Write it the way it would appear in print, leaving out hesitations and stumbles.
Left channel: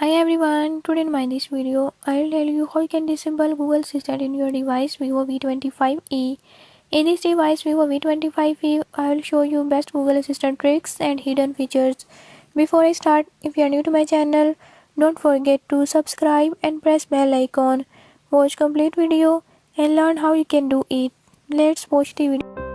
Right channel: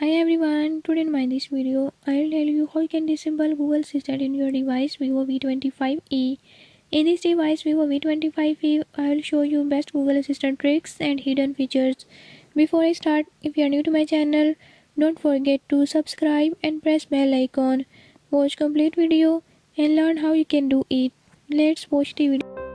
Hi everyone, today in this video, I'll tell you how you can disable Google Assistant in your device Vivo V25e. In this device Vivo V25e, I'll show you best Google Assistant tricks and hidden features. Before I start, if you are new to my channel, don't forget to subscribe and press bell icon. Watch complete video and learn how you can do it. Let's watch the video.